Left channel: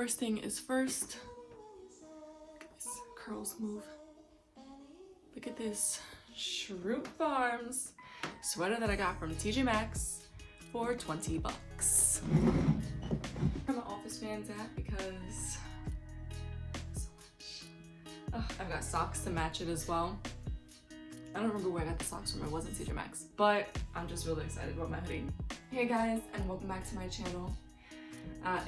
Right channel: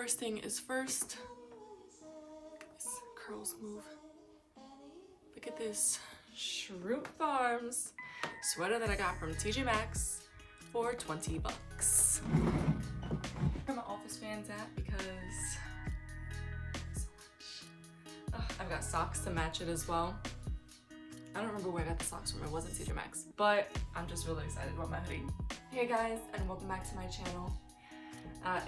First thing is first. This curls move. Look at this Shroot Farms sweater that I got from TJ Maxx for 20 bucks. Where my office fans at because so much. I've got socks to match it as well. I don't remember where I got the socks from. It wasn't TJ Maxx, but I'm just really excited about my hoodie. Hey guys, and welcome back to my channel.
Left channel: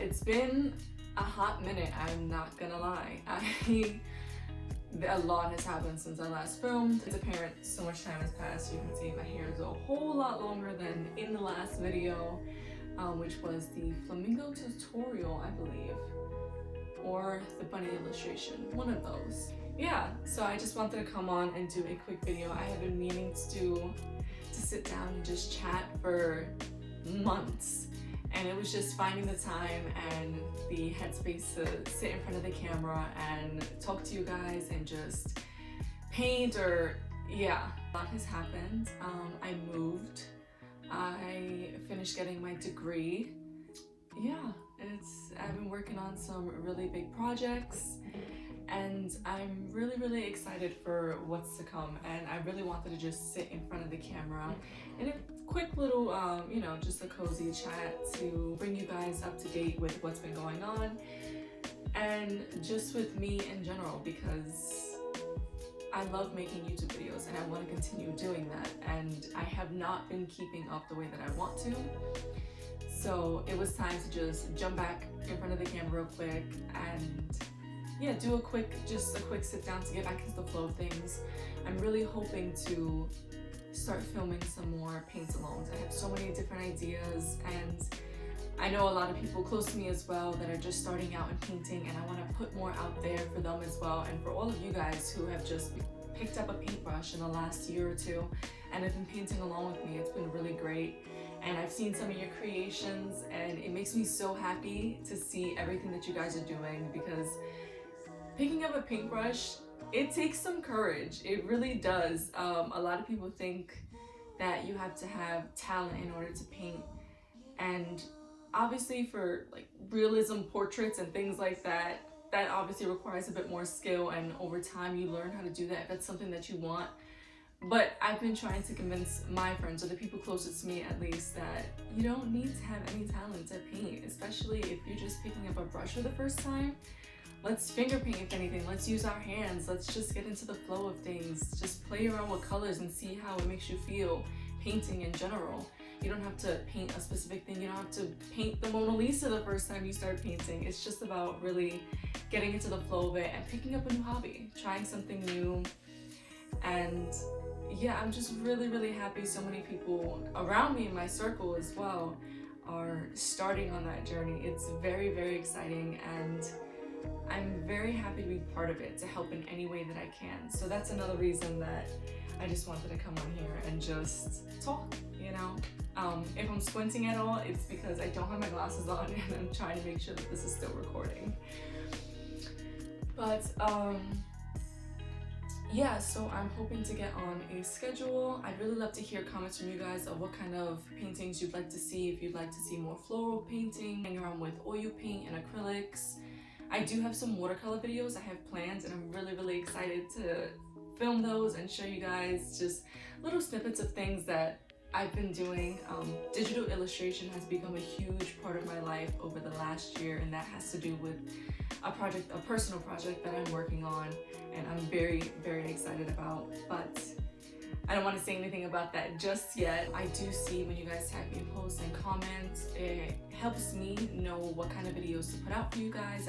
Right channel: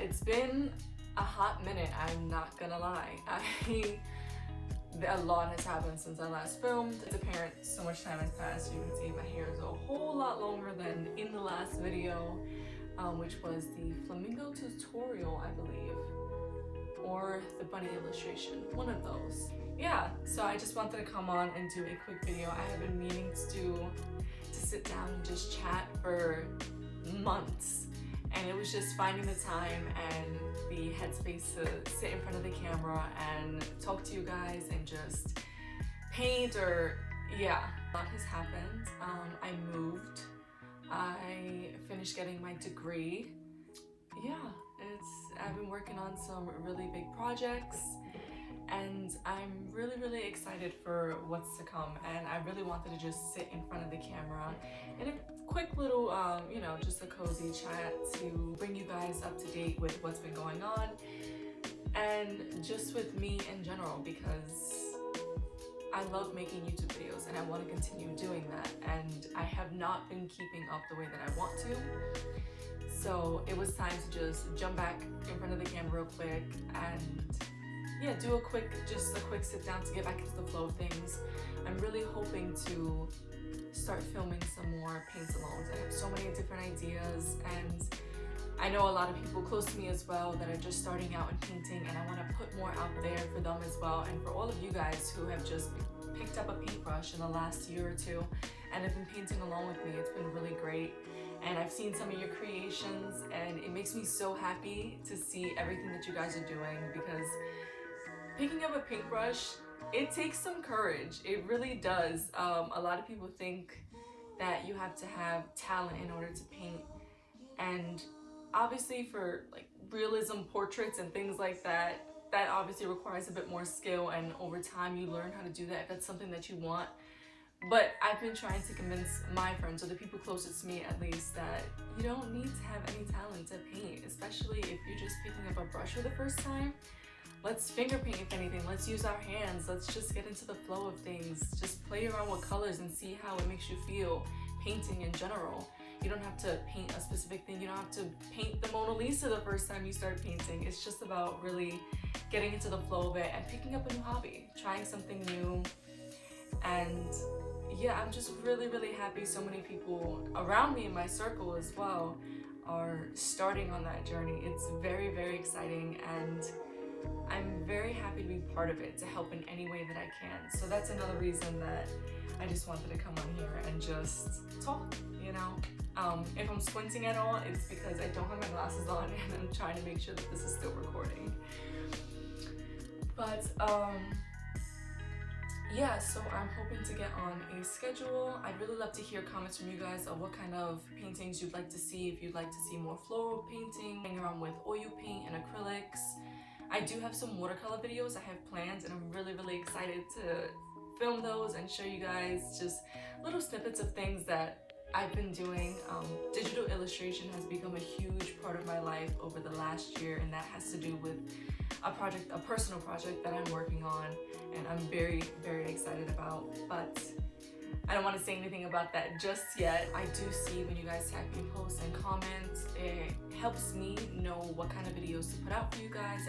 It's been a hot minute, I'm not gonna lie. A lot has happened since I last filmed. It's apparent so much time has passed. You can see my hair is a whole lot longer than in the last video, which was the flamingo tutorial, I believe, or the bunny illustration, one of those. Yeah, so I just wanted to come on and do a quick video. I have been meaning to sit down and just chat for months, and it was just finding the time and the headspace to sit in front of the camera and talk to you guys and just paint. Or yeah, a lot has happened. I moved, I finished getting my degree. Yeah, I've been working on some really big projects, and I'm really excited for what's to come. And I really wanted to just sit in front of the camera in a quick little, you know, just a cozy chat to bring you guys up to date with what's been going on and just with me in general, because I love making YouTube videos and I want to continue doing that, and I have not been keeping up the way that I want to. So it was time to just jump back in front of the camera real quick and yeah, do a quick sit down to get back into the flow of things. I'm really hoping to start filming some more paint-alongs. I have so many different ideas, and I know a lot of people close to me as well that are just starting out in painting, and I want to put more out there for them as well, and for all of you guys who have just picked up a paintbrush in the last year or two and have been painting along with me. It's been really great, and I've seen some of your creations, and it makes me so happy to see everything that you guys are doing, because picking up a paintbrush, it takes some courage. It really does. A lot of people think that you have to have talent in order to paint, and obviously for like realism portraits and things like that, that obviously requires a bit more skill, and over time you learn how to do that if that's something that you want. But I've been trying to convince my friends, or the people closest to me at least, that you don't need to have any talent to paint, especially if you're just picking up a brush for the first time. Let's finger paint if anything. Let's use our hands. Let's just get into the flow of things. Just play around with colors and see how it makes you feel painting in general. You don't have to paint a specific thing. You don't have to paint the Mona Lisa the first time you start painting. It's just about really getting into the flow of it and picking up a new hobby, trying something new. And yeah, I'm just really happy so many people around me in my circle as well are starting on that journey. It's very exciting, and I'm very happy to be part of it, to help in any way that I can. So that's another reason that I just wanted to come on here and just talk, you know? If I'm squinting at all, it's because I don't have my glasses on and I'm trying to make sure that this is still recording. But yeah, so I'm hoping to get on a schedule. I'd really love to hear comments from you guys of what kind of paintings you'd like to see. If you'd like to see more floral painting, hang around with oil paint and acrylics. I do have some watercolor videos I have planned, and I'm really excited to film those and show you guys just little snippets of things that I've been doing. Digital illustration has become a huge part of my life over the last year, and that has to do with a personal project that I'm working on, and I'm very excited about. But I don't want to say anything about that just yet. I do see when you guys tag me in posts and comments. It helps me know what kind of videos to put out for you guys.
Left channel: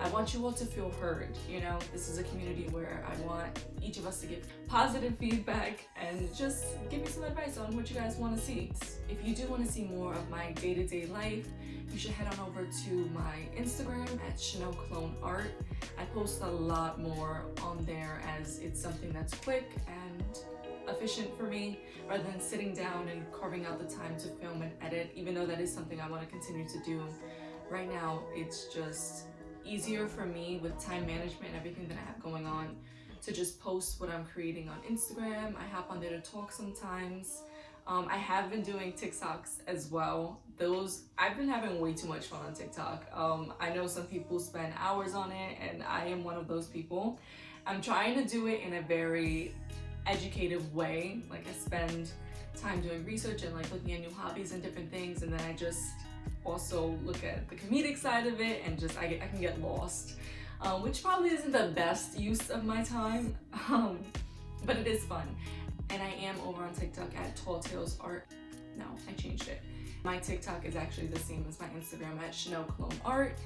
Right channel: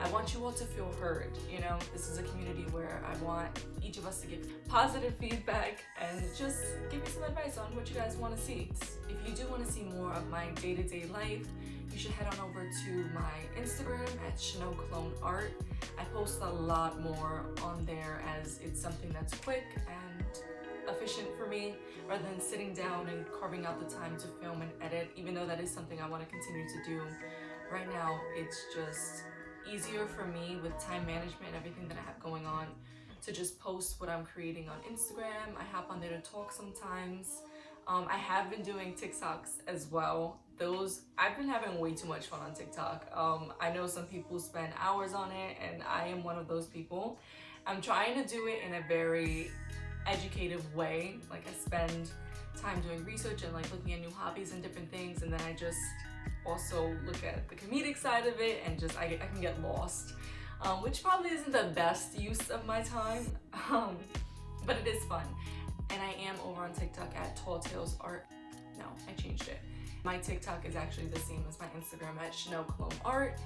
I want you all to feel heard. You know, this is a community where I want each of us to give positive feedback and just give me some advice on what you guys want to see. If you do want to see more of my day-to-day life, you should head on over to my Instagram at Chanel Clone Art. I post a lot more on there, as it's something that's quick and efficient for me, rather than sitting down and carving out the time to film and edit, even though that is something I want to continue to do. Right now, it's just easier for me with time management and everything that I have going on to just post what I'm creating on Instagram. I hop on there to talk sometimes. I have been doing TikToks as well. I've been having way too much fun on TikTok. I know some people spend hours on it, and I am one of those people. I'm trying to do it in a very educative way. Like, I spend time doing research and like looking at new hobbies and different things, and then I just also look at the comedic side of it, and just I can get lost, which probably isn't the best use of my time, but it is fun. And I am over on TikTok at Tall Tales Art. No, I changed it. My TikTok is actually the same as my Instagram at Chanel Cologne Art.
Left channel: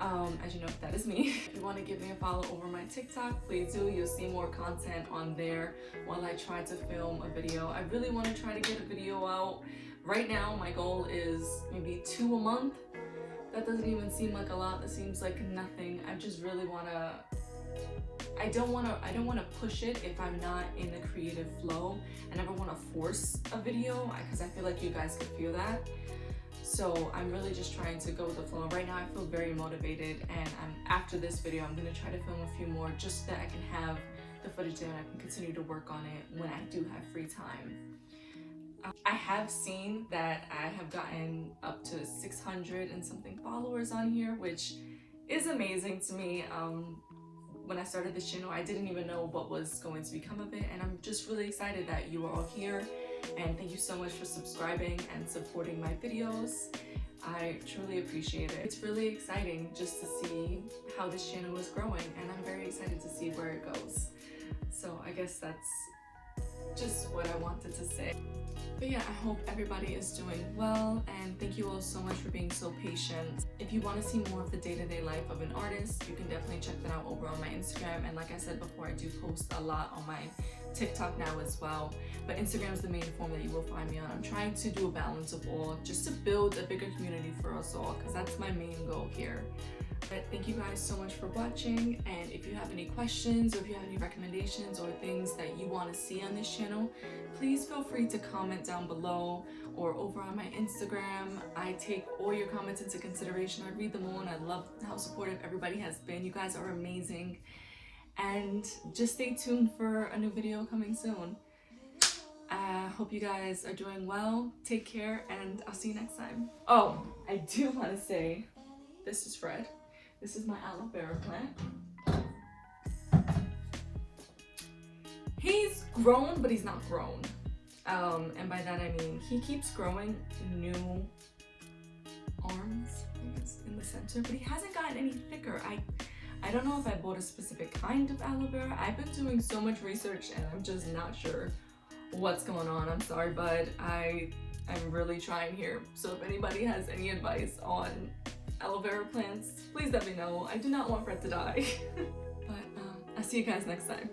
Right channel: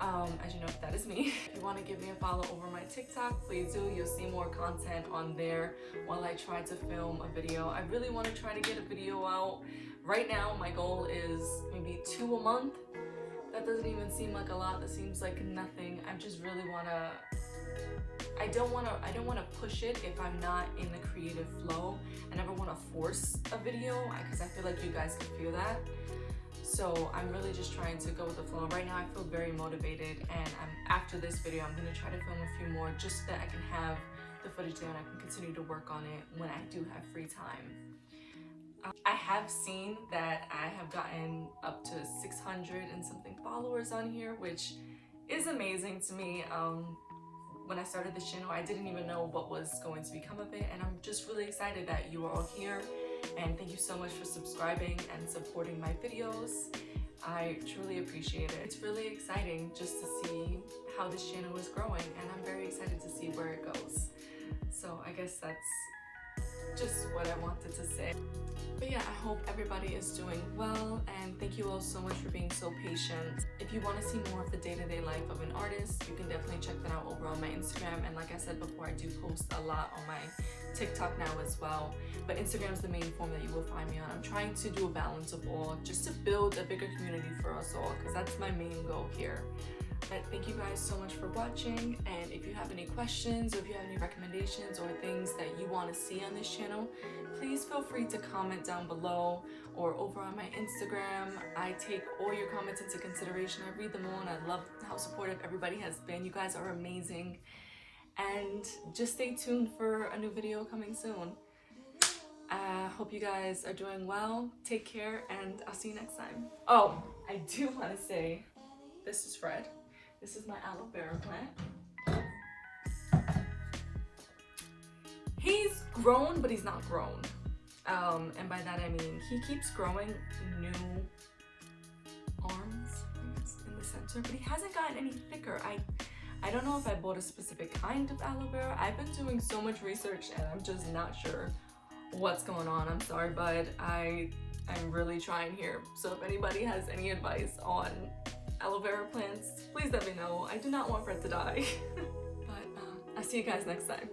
As you know, that is me. If you want to give me a follow over my TikTok, please do. You'll see more content on there while I try to film a video. I really want to try to get a video out. Right now, my goal is maybe 2 a month. That doesn't even seem like a lot. That seems like nothing. I just really want to... I don't want to push it if I'm not in the creative flow. I never want to force a video because I feel like you guys could feel that. So I'm really just trying to go with the flow. Right now I feel very motivated, and after this video I'm going to try to film a few more just so that I can have the footage there and I can continue to work on it when I do have free time. I have seen that I have gotten up to 600 and something followers on here, which is amazing to me. When I started this channel, I didn't even know what was going to become of it, and I'm just really excited that you are all here, and thank you so much for subscribing and supporting my videos. I truly appreciate it. It's really exciting just to see how this channel is growing, and I'm very excited to see where it goes. So I guess that's just what I wanted to say. But yeah, I hope everybody is doing well, and thank you all so much for being so patient. If you want to see more of the day-to-day life of an artist, you can definitely check that out over on my Instagram. And like I said before, I do post a lot on my TikTok now as well. But Instagram is the main form that you will find me on. I'm trying to do a balance of all, just to build a bigger community for us all, because that's my main goal here. But thank you guys so much for watching, and if you have any questions or if you have any recommendations or things that you want to see on this channel, please feel free to comment down below or over on my Instagram. I take all your comments into consideration. I read them all, and I love how supportive everybody has been. You guys are amazing. And just stay tuned for a new video coming soon. I hope you guys are doing well. Take care, and I'll see you next time. Oh, I do want to say, this is Fred. This is my aloe vera plant. He's grown, but he's not grown. And by that I mean he keeps growing new arms in the center, but he hasn't gotten any thicker. I don't know if I bought a specific kind of aloe vera. I've been doing so much research and I'm just not sure what's going on. I'm sorry, bud. I'm really trying here. So if anybody has any advice on aloe vera plants, please let me know. I do not want Fred to die. But I'll see you guys next time.